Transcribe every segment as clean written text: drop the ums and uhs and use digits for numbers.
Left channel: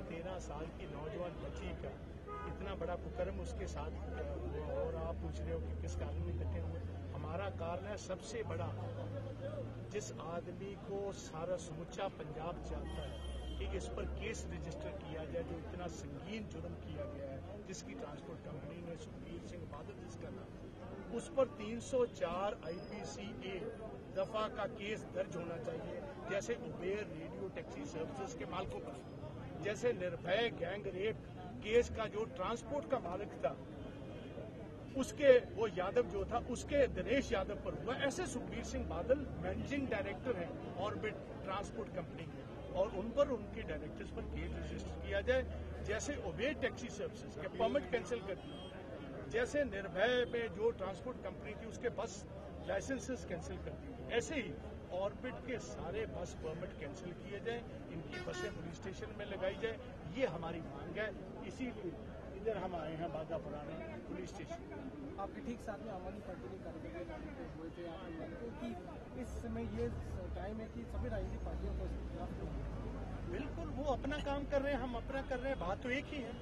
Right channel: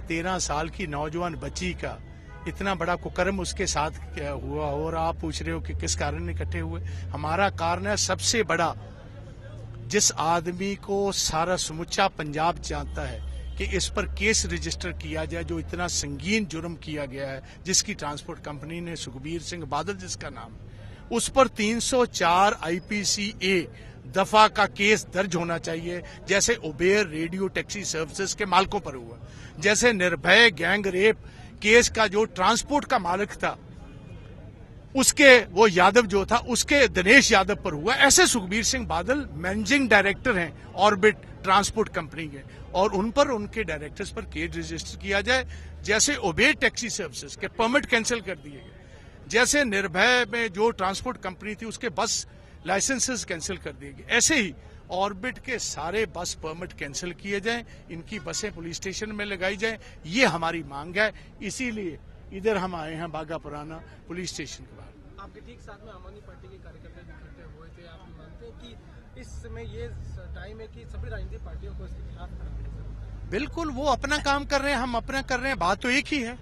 13 साल की नौजवान बच्ची का इतना बड़ा कुकर्म उसके साथ क्या हुआ और आप पूछ रहे हो कि किस कारण इकट्ठे हुए। हमारा कारण है सबसे बड़ा, जिस आदमी को सारा समूचा पंजाब जानता है कि इस पर केस रजिस्टर किया जाए, जो इतना संगीन जुर्म किया गया है, जिसकी ट्रांसपोर्ट कंपनी ने, सुखबीर सिंह बादल जिसका नाम, उस पर 304 IPCA दफा का केस दर्ज होना चाहिए, जैसे उबेर रेडियो टैक्सी सर्विसेज के मालिकों पर हुआ, जैसे निर्भय गैंग रेप केस का जो ट्रांसपोर्ट का मालिक था उसके, वो यादव जो था, उसके दिनेश यादव पर हुआ। ऐसे सुखबीर सिंह बादल मैनेजिंग डायरेक्टर हैं ऑर्बिट ट्रांसपोर्ट कंपनी के, और उन पर, उनके डायरेक्टर्स पर केस रजिस्टर किया जाए। जैसे उबेर टैक्सी सर्विसेज के परमिट कैंसिल कर दिए गए, जैसे निर्भय में जो ट्रांसपोर्ट कंपनी थी उसके बस लाइसेंसेस कैंसिल कर दिए गए, ऐसे ही ऑर्बिट के सारे बस परमिट कैंसिल किए जाएं, इनकी बसें पुलिस स्टेशन में लगाई जाएं। ये हमारी मांग है, इसीलिए इधर हम आए हैं बागा पुराना पुलिस स्टेशन के बाद। आपके ठीक साथ में आम आदमी पार्टी के कार्यकर्ता इकट्ठे हुए थे। आप मानते हैं कि इस समय ये टाइम है कि सभी राजनीतिक पार्टियों को इसके खिलाफ खड़ा होना चाहिए? बिल्कुल, वो अपना काम कर रहे हैं, हम अपना कर रहे हैं, बात तो एक ही है।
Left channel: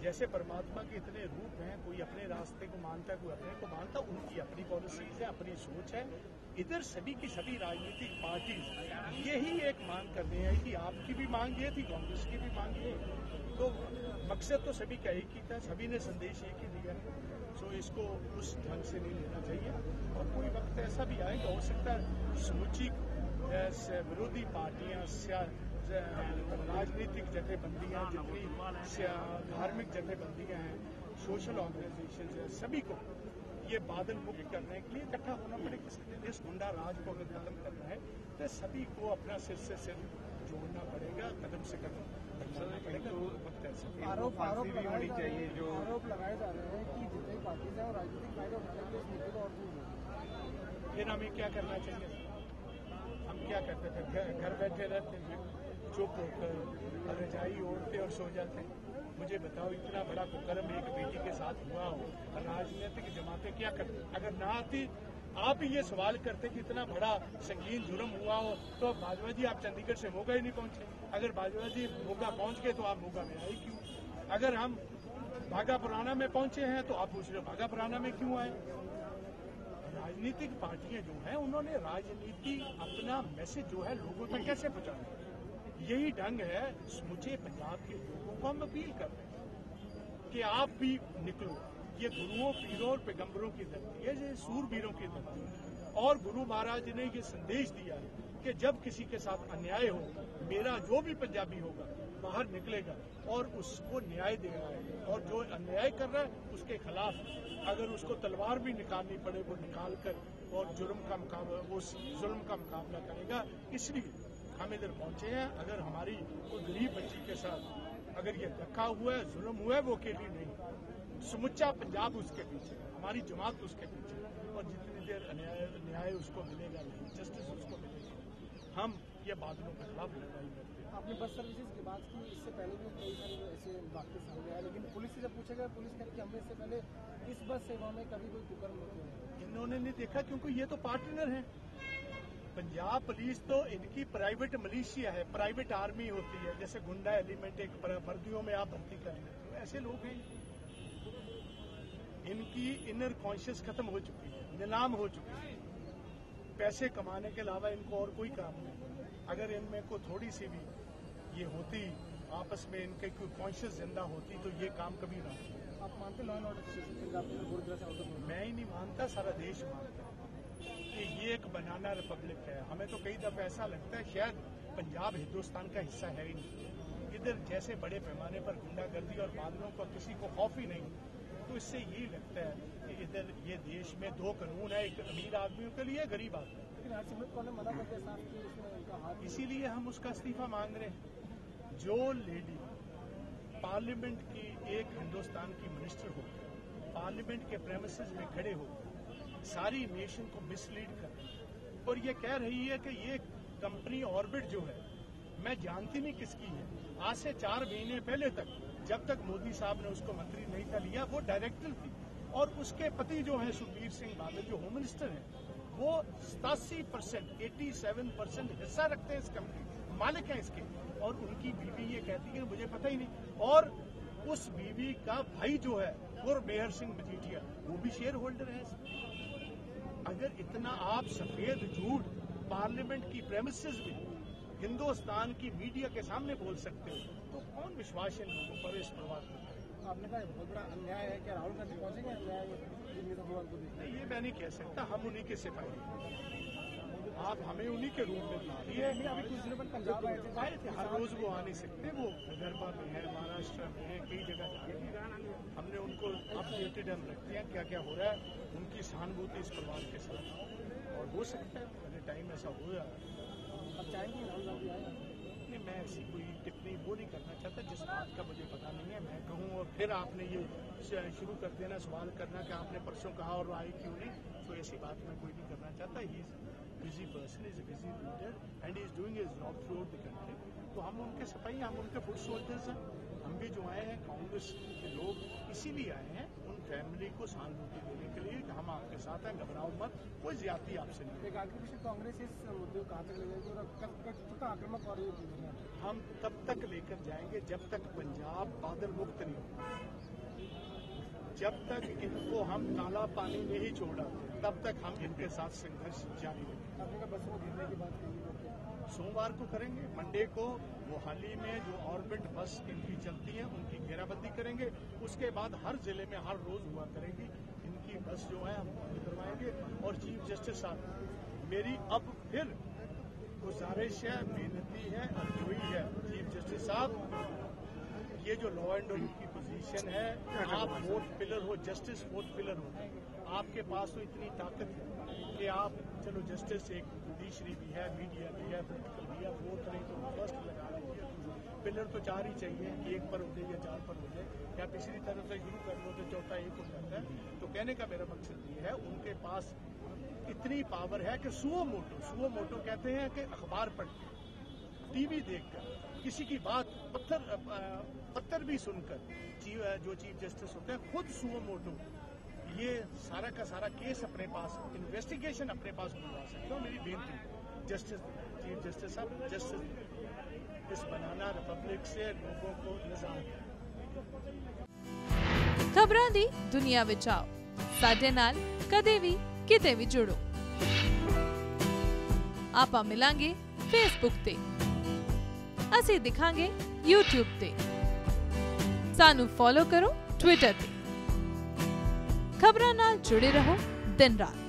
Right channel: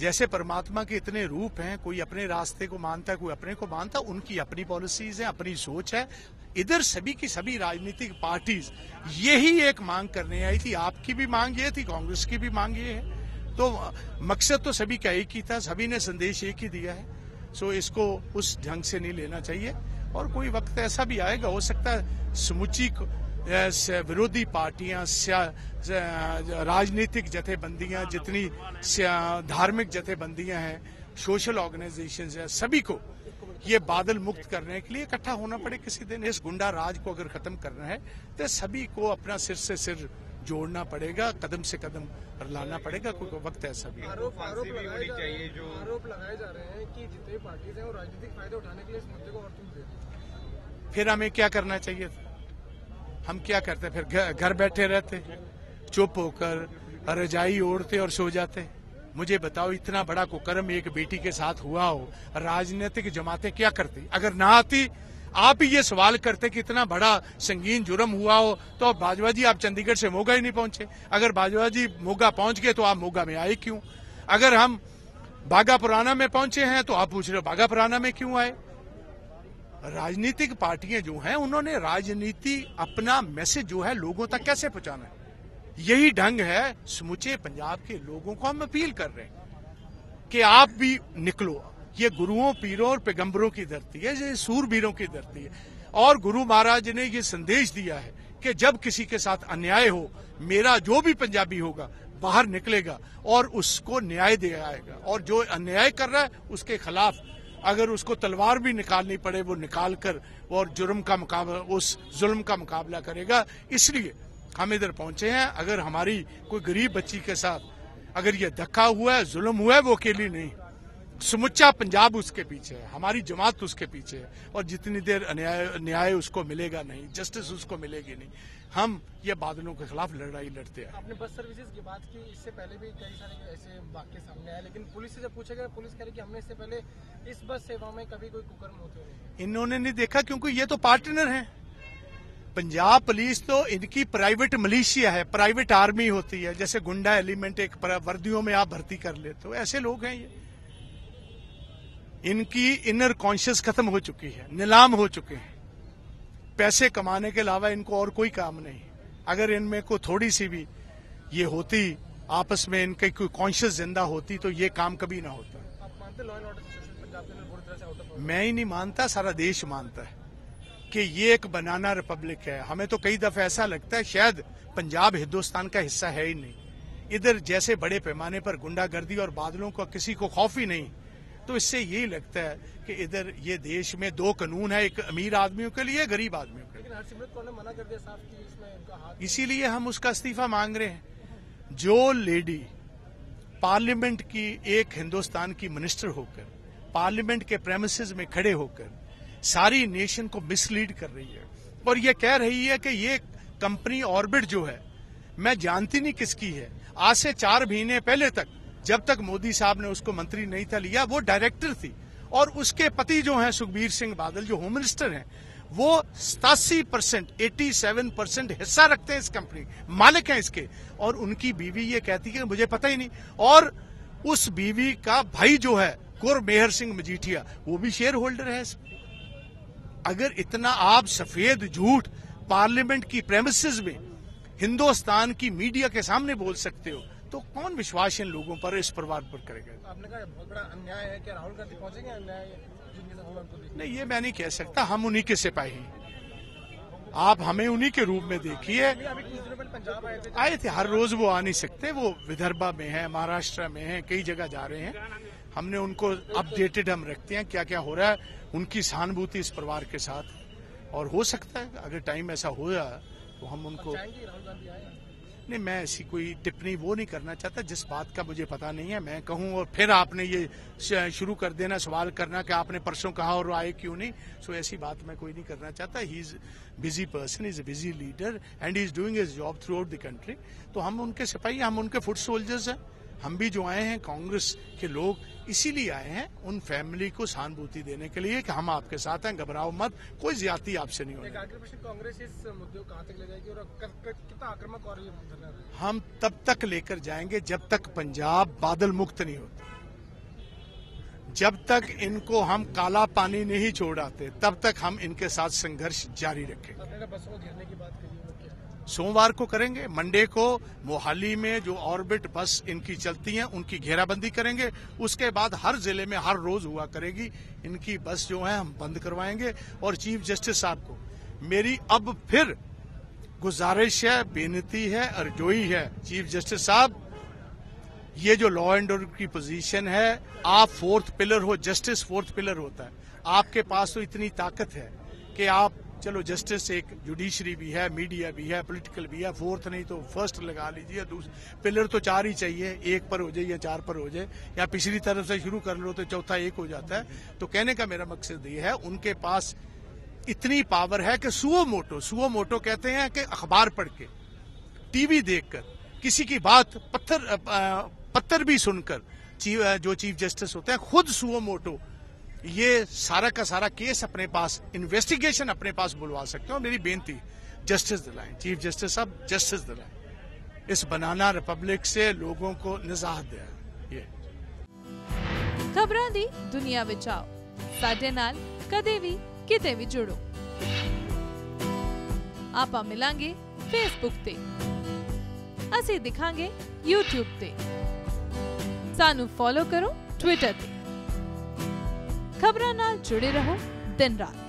जैसे परमात्मा के इतने रूप हैं, कोई अपने रास्ते को मानता है, कोई अपने को मानता है, उनकी अपनी पॉलिसीज है, अपनी सोच है। इधर सभी की सभी राजनीतिक पार्टीज यही एक मांग करने आई थी। आपकी भी मांग ये थी, कांग्रेस की भी मांग ये है, तो मकसद तो सभी का एक ही था, सभी ने संदेश एक ही दिया है। सो इसको उस ढंग से नहीं लेना चाहिए, और कोई वक्त ऐसा भी आएगा, हो सकता है समुची विरोधी पार्टियां, राजनीतिक जथेबंदियां, जितनी धार्मिक जथेबंदियां हैं, सोशल ऑर्गेनाइजेशंस हैं, सभी को ये बादल मुक्त करने के लिए इकट्ठा होना पड़े किसी दिन। इस गुंडा राज को अगर खत्म करना है तो सभी को अपना सिर से सिर जोड़ना पड़ेगा, कदम से कदम लाना पड़ेगा। कोई वक्त ऐसा भी आरोप लगाए जा रहे हैं कि जितने पार्टी है वो राजनीतिक फायदा उठाने के लिए इस मुद्दे को और तूल दे रहे हैं। फिर हमें क्या करना चाहिए? हम क्या करते? फिर घर बैठे रहते, चुप होकर रजाई ओढ़ते और सो जाते। मुझे बताओ, इतना बड़ा कुकर्म एक बेटी के साथ हुआ हो, राजनीतिक जमातें क्या करती? अगर ना आती, आप ही ये सवाल करते कि इतना बड़ा संगीन जुर्म हुआ हो, तो बाजवा जी आप चंडीगढ़ से मोगा ही नहीं पहुंचे। अगर बाजवा जी मोगा पहुंच गए तो आप मोगा में आए क्यों? अगर हम बागा पुराना में पहुंचे हैं तो आप पूछ रहे हो बागा पुराना में क्यों आए? राजनीतिक पार्टियां जो हैं, उन्होंने राजनीति, अपना मैसेज जो है लोगों तक कैसे पहुंचाना है, यही ढंग है। समूचे पंजाब के लोगों को हम अपील कर रहे हैं कि आप भी निकलो। ये गुरुओं, पीरों और पैगंबरों की धरती है, ये सूरवीरों की धरती है, और गुरु महाराज ने ये संदेश दिया है कि जब किसी के साथ अन्याय हो, मेरा जो भी पंजाबी होगा बाहर निकलेगा और उसको न्याय दे आएगा, और जो अन्याय कर रहा है उसके खिलाफ अगर उसको तलवार भी निकालनी पड़े वो निकाल कर और जुर्म का मुकाबला, उस जुल्म का मुकाबला करेगा। इसलिए हम इधर पहुंचे हैं। अगर हमारी कोई गरीब बच्ची के साथ अगर ये धक्का हुआ है, जुल्म हुआ है, वो अकेली नहीं, समुच्चा पंजाब उसके पीछे है, हमारी जमात उसके पीछे है, और जितनी देर न्याय उसको मिलेगा नहीं, जस्टिस उसको मिलेगी नहीं, हम ये बादलों के खिलाफ लड़ाई लड़ते हैं। आपने बस सर्विसेज की बात की, इससे पहले भी कई सारे ऐसे वाक्य सामने आए, लेकिन पुलिस से जब पूछा गया, पुलिस कह रही कि हमने इससे पहले इस बस सेवा में कभी कोई कुकर्म होते नहीं। इन्होंने नहीं देखा, क्योंकि ये तो पार्टनर हैं। पंजाब पुलिस तो इनकी प्राइवेट मलेशिया है, प्राइवेट आर्मी होती है। जैसे गुंडा एलिमेंट एक वर्दियों में आप भर्ती कर लेते हो, ऐसे लोग हैं ये। इनकी इनर कॉन्शियस खत्म हो चुकी है, नीलाम हो चुके हैं। पैसे कमाने के अलावा इनको और कोई काम नहीं। अगर इनमें को थोड़ी सी भी ये होती, आपस में इनकी कोई कॉन्शियस जिंदा होती, तो ये काम कभी ना होता। आप मानते law and order situation Punjab के अंदर बुरी तरह से आउट ऑफ? मैं ही नहीं मानता, सारा देश मानता है कि ये एक बनाना रिपब्लिक है। हमें तो कई दफा ऐसा लगता है शायद पंजाब हिंदुस्तान का हिस्सा है ही नहीं। इधर जैसे बड़े पैमाने पर गुंडागर्दी और बादलों का किसी को खौफ ही नहीं, तो इससे यही लगता है कि इधर ये देश में दो कानून है, एक अमीर आदमियों के लिए, गरीब आदमियों के लिए। लेकिन हरसिमरत कौर ने मना कर दिया साफ कि इसमें उनका हाथ, इसीलिए हम उसका इस्तीफा मांग रहे हैं। जो लेडी पार्लियामेंट की, एक हिंदुस्तान की मिनिस्टर होकर, पार्लियामेंट के प्रेमिसेस में खड़े होकर सारी नेशन को मिसलीड कर रही है, और ये कह रही है कि ये कंपनी ऑर्बिट जो है, मैं जानती नहीं किसकी है। आज से 4 महीने पहले तक, जब तक मोदी साहब ने उसको मंत्री नहीं था लिया, वो डायरेक्टर थी, और उसके पति जो हैं सुखबीर सिंह बादल, जो होम मिनिस्टर हैं, वो 87%, 87% हिस्सा रखते हैं इस कंपनी, मालिक हैं इसके, और उनकी बीवी ये कहती है कि मुझे पता ही नहीं। और उस बीवी का भाई जो है गुरमेहर सिंह मजीठिया, वो भी शेयर होल्डर है इसमें। अगर इतना आप सफेद झूठ पार्लियामेंट की प्रेमिसेस में हिंदुस्तान की मीडिया के सामने बोल सकते हो, तो कौन विश्वास इन लोगों पर, इस परिवार पर करेगा? आपने कहा बहुत बड़ा अन्याय है, क्या राहुल गांधी पहुंचेंगे अन्याय जिनके साथ हुआ उनको देखने? नहीं, ये मैं नहीं कह सकता, हम उन्हीं के सिपाही हैं। आप हमें उन्हीं के रूप में देखिए। अभी कुछ दिनों पहले पंजाब आए थे, हर रोज वो आ नहीं सकते, वो विदर्भा में है, महाराष्ट्र में है, कई जगह जा रहे हैं। हमने उनको अपडेटेड हम रखते हैं क्या क्या हो रहा है, उनकी सहानुभूति इस परिवार के साथ। और हो सकता है अगर टाइम ऐसा हो जाए तो हम उनको, राहुल गांधी आए? नहीं, मैं ऐसी कोई टिप्पणी वो नहीं करना चाहता जिस बात का मुझे पता नहीं है मैं कहूं, और फिर आपने ये शुरू कर देना सवाल करना कि आपने परसों कहा और आए क्यों नहीं। सो ऐसी बात मैं कोई नहीं करना चाहता। He is busy person, is a busy leader and he is doing his job through out the country. तो हम उनके सिपाही, हम उनके फुट सोल्जर्स हैं। हम भी जो आए हैं कांग्रेस के लोग इसीलिए आए हैं, उन फैमिली को सहानुभूति देने के लिए कि हम आपके साथ हैं, घबराओ मत, कोई ज्यादती आपसे नहीं होगी। एक आखिरी प्रश्न, कांग्रेस इस मुद्दे को कहां तक ले जाएगी और कितना आक्रामक और ये धरना? हम तब तक लेकर जाएंगे जब तक पंजाब बादल मुक्त नहीं होता, जब तक इनको हम काला पानी नहीं छोड़ाते तब तक हम इनके साथ संघर्ष जारी रखेंगे। आपने बसों को घेरने की बात कही, वो क्या? सोमवार को करेंगे, मंडे को मोहाली में जो ऑर्बिट बस इनकी चलती हैं उनकी घेराबंदी करेंगे। उसके बाद हर जिले में हर रोज हुआ करेगी, इनकी बस जो है हम बंद करवाएंगे। और चीफ जस्टिस साहब को मेरी अब फिर गुजारिश है, बेनती है, अर्जोई है, चीफ जस्टिस साहब, ये जो लॉ एंड ऑर्डर की पोजीशन है, आप फोर्थ पिलर हो, जस्टिस फोर्थ पिलर होता है। आपके पास तो इतनी ताकत है कि आप, चलो जस्टिस एक जुडिशरी भी है, मीडिया भी है, पॉलिटिकल भी है, फोर्थ नहीं तो फर्स्ट लगा लीजिए। दूसरा पिलर तो 4 ही चाहिए, 1 पर हो जाए या 4 पर हो जाए, या पिछली तरफ से शुरू कर लो तो चौथा 1 हो जाता है। तो कहने का मेरा मकसद ये है, उनके पास इतनी पावर है कि सुओ मोटो कहते हैं कि अखबार पढ़ के, टीवी देखकर, किसी की बात पत्थर भी सुनकर जो चीफ जस्टिस होते हैं खुद सुओ मोटो ये सारा का सारा केस अपने पास, इन्वेस्टिगेशन अपने बुलवा सकते हो। मेरी बेनती, जस्टिस दिलाएं, चीफ जस्टिस साहब जस्टिस दिलाएं, इस बनाना रिपब्लिक से लोगों को निजात दें। ये खबरां दी दुनिया विच आओ, साडे नाल कदे भी किते भी जुड़ो। आपां मिलांगे फेसबुक ते, असीं दिखांगे यूट्यूब ते, सानू फॉलो करो ट्विटर ते। खबरां नाल जुड़े रहो दिन रात।